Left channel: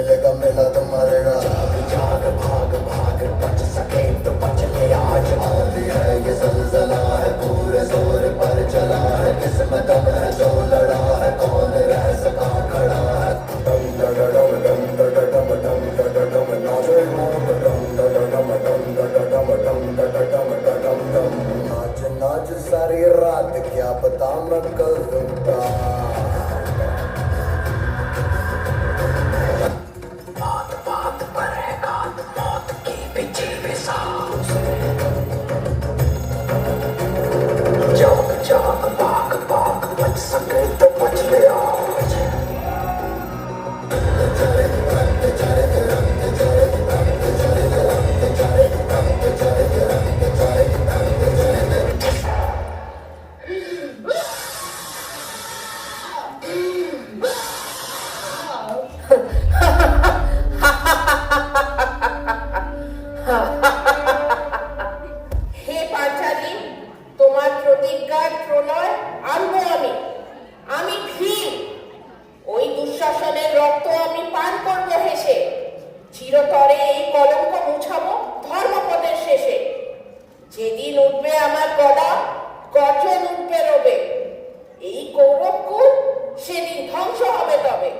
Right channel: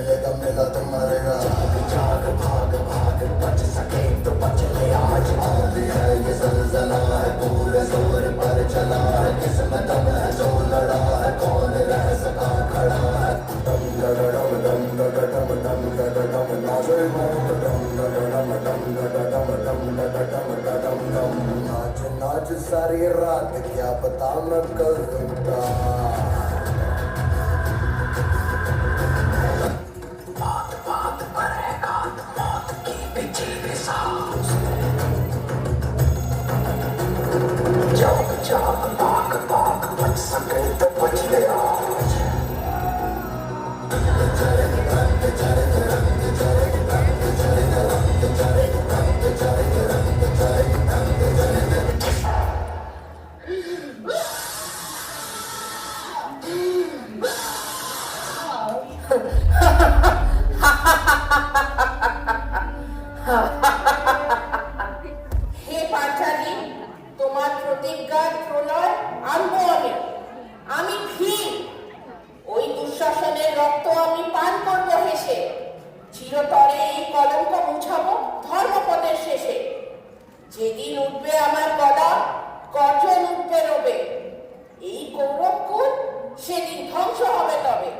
मिलेगा मिला तुम्हारे जाग भाग भाग बच सके तो बच ले आज आती है ये सलसला है पूरे जोर पर चला है किस्मत में जो लड़ा है कौन रह सका खड़ा है डम डम डम डम डम डम डम डम नाचे डम डम डम डम डम डम डम नाच नाच सारी रात क्या पता मैं कल लूटा बात बात पर है गात मौत की पीछे के साथ जाग जाग भाग भाग बच सके तो बच ले आज হে পাঁচালী, তোমার প্রতিজ্ঞার প্রলয় আনবো আমি। আমি ভীম, ওই দুঃশাসনের রক্ত আমি পান করবো হেসে। চিরতরে এই কলঙ্ক মুছাবো ধর্মপদের শেষে। যেদিন উঠবে আমার গলা, গর্জন উঠবে রবে। এই কৌরবকুল সেদিন ধ্বংস হবে তবে।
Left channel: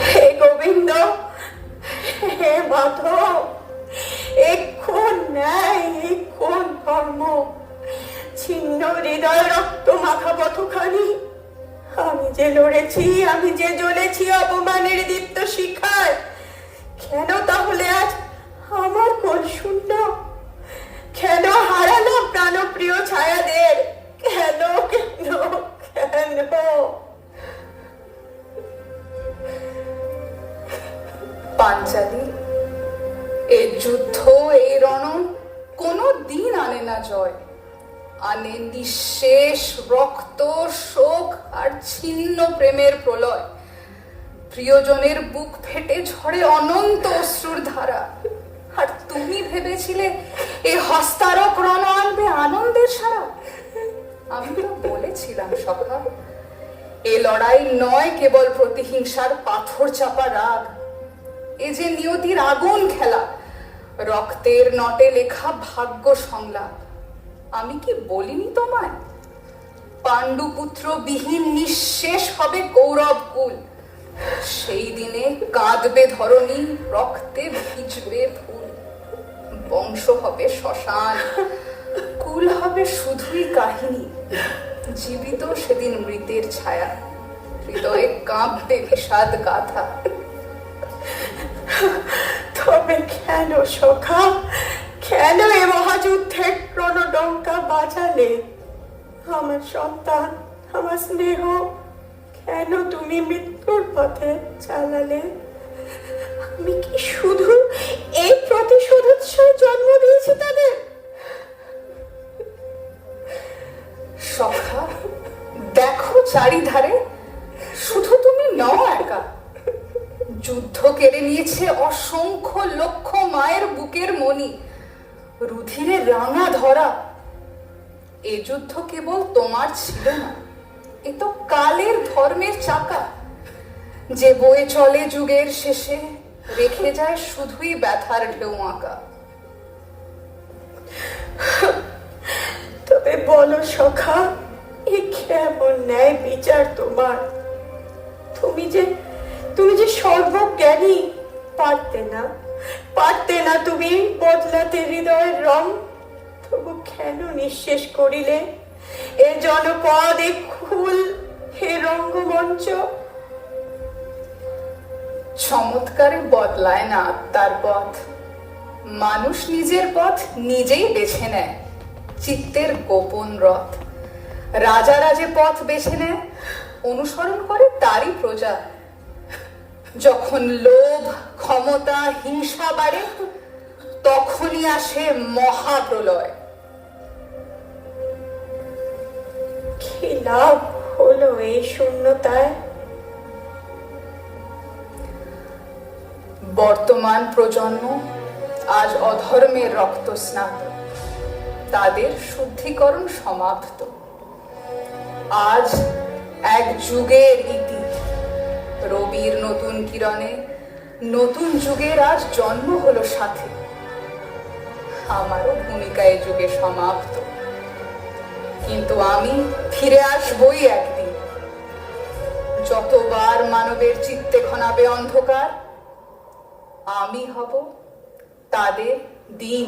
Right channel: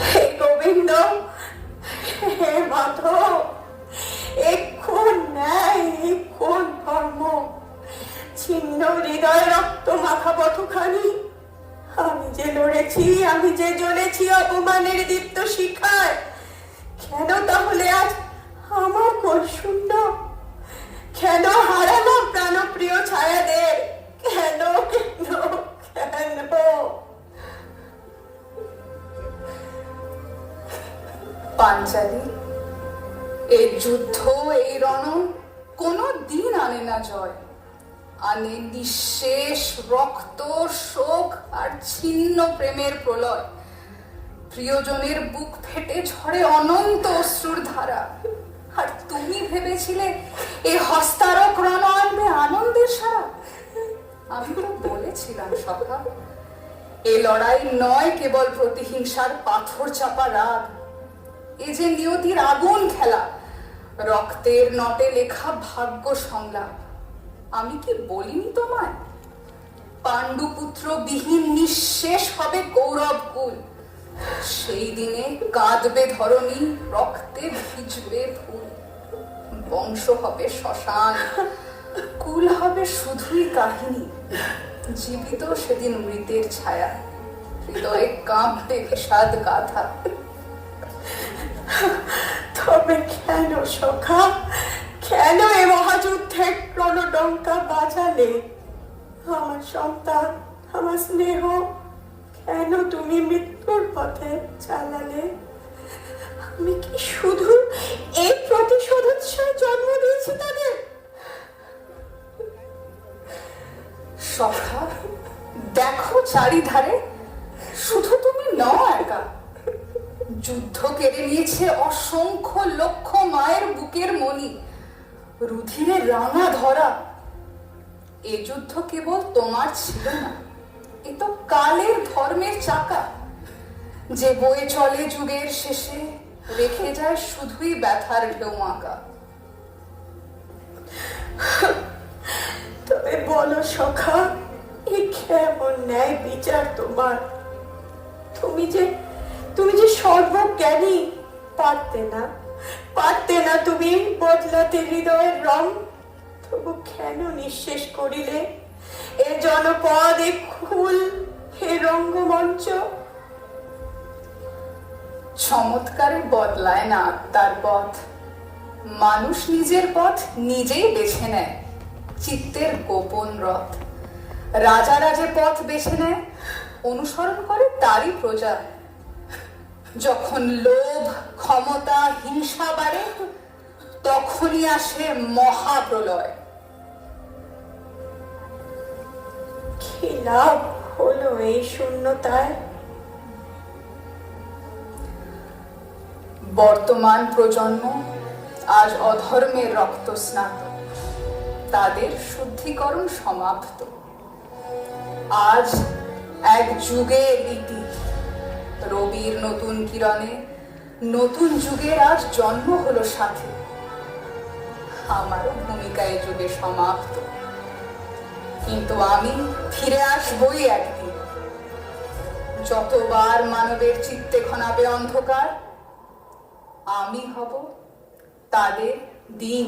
হে গোবিন্দ, হে মাধব, এক্ষণ ন্যায়, এক্ষণ কর্ম, ছিন্ন হৃদয় রক্ত মাখা পথখানি। আমি যে লড়েছি, আমি যে জ্বলেছি অপমানের দীপ্ত শিখায়, কেন তাহলে আজ আমার কোল শূন্য? কেন হারানো প্রাণপ্রিয় ছায়াদের? কেন কেন কেন? পাঞ্চালী, এই যুদ্ধ, এই রণ কোনো দিন আনে না জয়। আনে নিঃশেষ রক্ত, শোক আর ছিন্ন প্রেমের প্রলয়। প্রিয়জনের বুক ফেটে ঝরে অনন্ত অশ্রুর ধারা। আর তুমি ভেবেছিলে এই হস্তারক রণ আনবে আনন্দের সারা? আমি তো বলেছিলাম সখা, এ লড়াই নয় কেবল প্রতিহিংসার পাথর চাপা রাগ। এ যে নিয়তির আগুন খেলা, রক্তের নটে লেখা ভাগ্য সংলাপ। আমি কি বলিনি তোমায়? পাণ্ডুপুত্র বিহীন নিঃশেষ হবে কৌরব কুল। সেই দিনে কাঁদবে ধরণী, রক্তে ভিজবে ফুল। বংশ হবে শ্মশান, কুল হবে শুধুই কাহিনী। জীবিত সেদিন মৃতের ছায়া, হৃদয়ে কাঁপবে বিষাদ গাথা। তবে কেন সখা, কেন এ মহাযুদ্ধের রণডঙ্কা বাজালে? আমার সন্তান, আমার স্নেহ, কেন তুমি মৃত্যুর পথে চালালে? আমি কি শুধু এই প্রতিশোধোৎসব জন্ম দিয়েছি তাদের? সখা, দেখো চারিধারে, শুধু তুমি নও একা। যুদ্ধ কেড়ে নিয়েছে অসংখ্য লক্ষ মায়ের বুকের মণি, রুধিরে রাঙা ধরা। এ যুদ্ধ কেবল তোমার ছিল না, এ তো কালের ধর্মের চাকা, যে বয়ে চলে যুগের শেষে, রেখে যায় শুধুই ব্যথার ঢেউ আঁকা। তবে বলো সখা, এ কেমন ন্যায় বিচার তোমার? তুমি যে সর্বজ্ঞানী, পারতে না তুমি বদলাতে হৃদয়ের রং? তবু কেন নিঃশেষ করিলে এ জনপদ, এ খুল, হে রঙ্গমঞ্চ? চমৎকারে বদলায় না আত্মার পথ, মানুষ নিজের পথ নিজেই বেছে নেয়, চিত্তের গোপন রথ। রাজারা যে পথ বেছে নেয়, অনুসরণ করে তারই প্রজা। যখন লোভ, ক্ষমতা, হিংসা বাড়ে, তখনই আসে মহাপ্রলয়। কি লাভ হলো এই শূন্যতায়? বর্তমান প্রজন্ম আজ অধর্মের রক্ত স্নাত, তাদের শুদ্ধিকরণ সমাপ্ত। আজ এক যুগের ইতি, রবির নতুন কিরণে নতুন যুগের আজ জন্ম হলো সাথে। আমারও ভূমিকা এই যুগে সমাপ্ত, কিন্তু আমি ফিরে আসবই একদিন। যতবার মানবের চিত্তে ঘনাবে অন্ধকার, আমি হব তাদের দিন।